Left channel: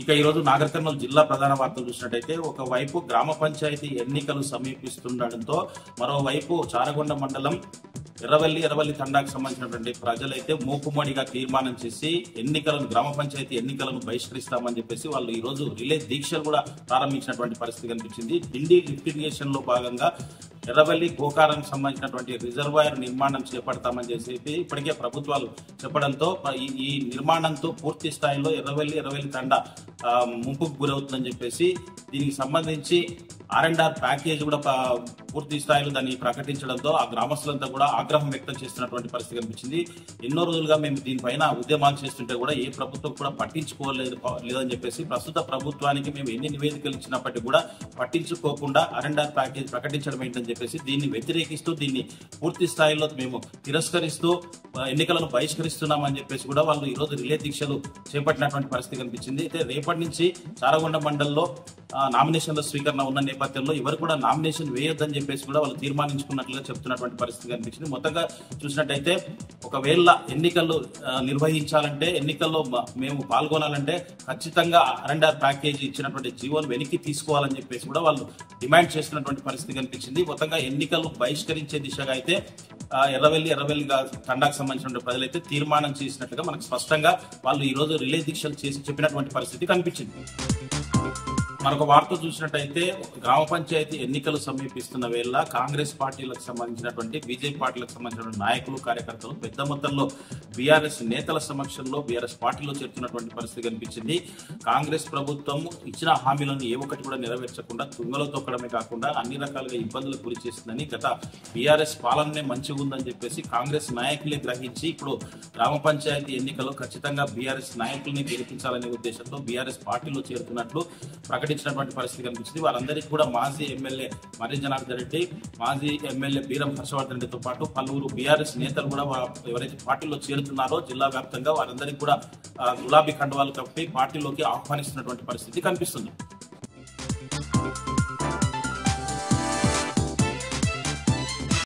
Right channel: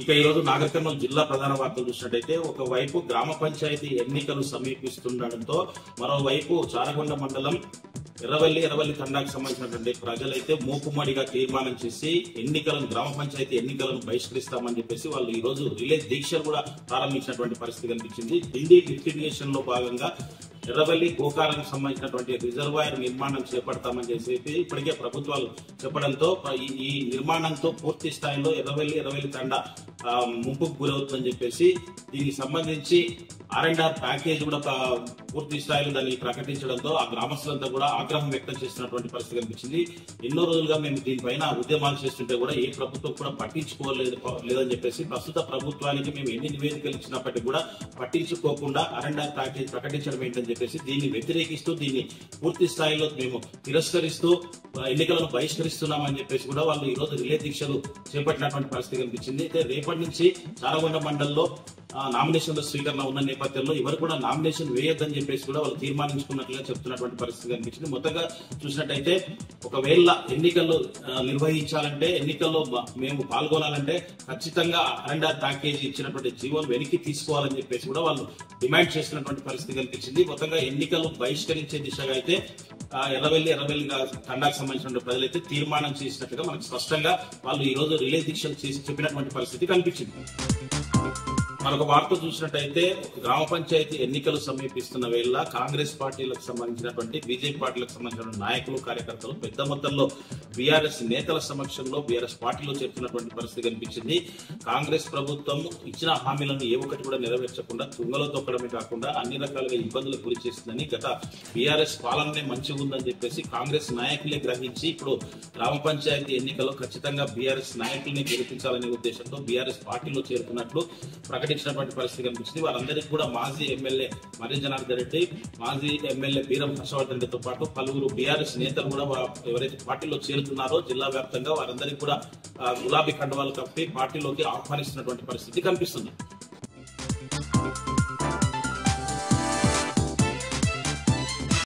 ఇక ఈ రోజు నాగర్ కర్నూలు జిల్లా ప్రధాన వార్తలు చూసినట్టయితే ఒకవైపు గ్రామ పంచాయతీ ఎన్నికలు సమీపిస్తుండటంతో మరోవైపు చారగొండ మండలం ఎర్రవల్లి తండాకు సంబంధించినటువంటి ప్రజలైతే మూకుమ్మడిగా తీర్మానం చేసి గ్రామ పంచాయతీ ఎన్నికలను బహిష్కరిస్తామని చెప్పేసి వాళ్ళు ఈ రోజు రిలే దీక్షలు కూడా ప్రారంభించినటువంటి పరిస్థితి కనిపించింది. ఢిల్లీ లిఫ్టిగేషన్ లో భాగంగా ఎర్రవల్లి గోకారానికి సంబంధించినటువంటి రిజర్వాయర్ నిర్మాణం చేపడతామని చెప్పి ఇప్పటికే ప్రభుత్వాలు చెప్పడంతో ఈ నిర్మాణంతో పూర్తి స్థాయిలో ఎర్రవల్లి తండా ముంపుకు గురవుతుందని చెప్పేసి దీనికి సంబంధించి R&R ప్యాకేజ్ కూడా పూర్తి స్థాయిలో దాన్ని ప్రకటించడంతో ఆ గ్రామస్తులంతా కూడా ఆగ్రహం వ్యక్తం చేస్తున్నటువంటి పరిస్థితి కనిపించింది. ఎన్నో రోజులుగా మేము దీనిపైన ఉద్యమాలు చేస్తుంటే కూడా ఏ ప్రభుత్వం కూడా పట్టించుకోలేదని చెప్పేసి ప్రస్తుత ప్రభుత్వానికి మేము ఎన్ని నివేదికలు ఇచ్చినప్పటికీ కూడా పట్టించుకోకుండా R&R ప్యాకేజ్ ప్రకటించడం ఏంటని చెప్పేసి దీన్ని వ్యతిరేకిస్తూ దీన్ని పూర్తి స్థాయిలో మేము తిరస్కరిస్తూ ఎన్నికలను బహిష్కరిస్తున్నామని చెప్పేసి కూడా వాళ్ళు ఈ రోజు రిలే దీక్షలు చేపట్టినటువంటి పరిస్థితి కనిపించింది. అయితే రేపటి నుంచి చారగొండ మండలంలో నామినేషన్ల స్వీకరణ ఉన్న నేపథ్యంలో ఎవరు కూడా నామినేషన్ వేయొద్దని చెప్పేసి కూడా వాళ్ళు తీర్మానించుకున్నట్లుగా చెప్తున్నటువంటి పరిస్థితి కనిపించింది. మొత్తంగా చూసినట్టయితే ఒకవేళ ఎన్నికల్లో నిర్వహించాలంటే ఎన్నికల్లో మేము పాల్గొనాలంటే ఖచ్చితంగా R&R ప్యాకేజీ ఇచ్చినటువంటి జీవోను వెనక్కి తీసుకోవాలని చెప్పేసి కూడా వాళ్ళు డిమాండ్ చేస్తున్నటువంటి పరిస్థితి కనిపించింది. మొత్తంగా ఎన్నికలు బహిష్కరించే దిశగా అయితే ఎర్రవల్లి తండాకు సంబంధించిన ప్రజలైతే తీర్మానం చేసినట్టుగా మనకు స్పష్టంగా వాళ్ళు ఈ రోజు రిలే దీక్షలు చేసి చెప్పినటువంటి పరిస్థితి కనిపించింది. మరొక వార్త చూసినట్టయితే గ్రామ పంచాయతీ ఎన్నికలు సమీపిస్తున్న వేళ కాంగ్రెస్ పార్టీలకు సంబంధించినటువంటి బీజేపీ పార్టీలకు సంబంధించిన నాయకులు కార్యకర్తలు పెద్ద మొత్తంలో బీఆర్ఎస్ నేతల సమక్షంలో బీఆర్ఎస్ పార్టీలో చేరుతున్నటువంటి పరిస్థితి కనిపించింది. కాంగ్రెస్ ప్రభుత్వం ఇచ్చిన హామీలను ఏ ఒక్కటి కూడా నెరవేర్చకుండా తుంగలో తొక్కడమే కాకుండా అన్ని రకాలుగా ఇబ్బందులకు గురి చేస్తుందని గత బీఆర్ఎస్ పాలననే మంచిగా ఉందని చెప్పేసి కాంగ్రెస్ నాయకులే గ్రహించి ఇప్పుడు గ్రామ పంచాయతీ ఎన్నికల్లో ఖచ్చితంగా బీఆర్ఎస్ నాయకుల్ని గెలిపించాలనే ఉద్దేశంతో బీఆర్ఎస్ పార్టీలో చేరుతున్నట్లు ప్రకటించినటువంటి పరిస్థితి కనిపించింది. వారందరికీ కూడా మాజీ ఎమ్మెల్యే మర్రి జనార్దన్ రెడ్డి, మాజీ ఎమ్మెల్యే బీరం హర్షవర్ధన్ రెడ్డితో పాటు పలువురు బీఆర్ఎస్ నేతలు కూడా ఎవరైతే పార్టీలో చేరుతున్నారో జిల్లా వ్యాప్తంగా వారందరికీ కూడా గులాబీ కండువాలు కప్పి పార్టీలోకి ఆహ్వానిస్తున్నటువంటి పరిస్థితి కనిపిస్తుంది.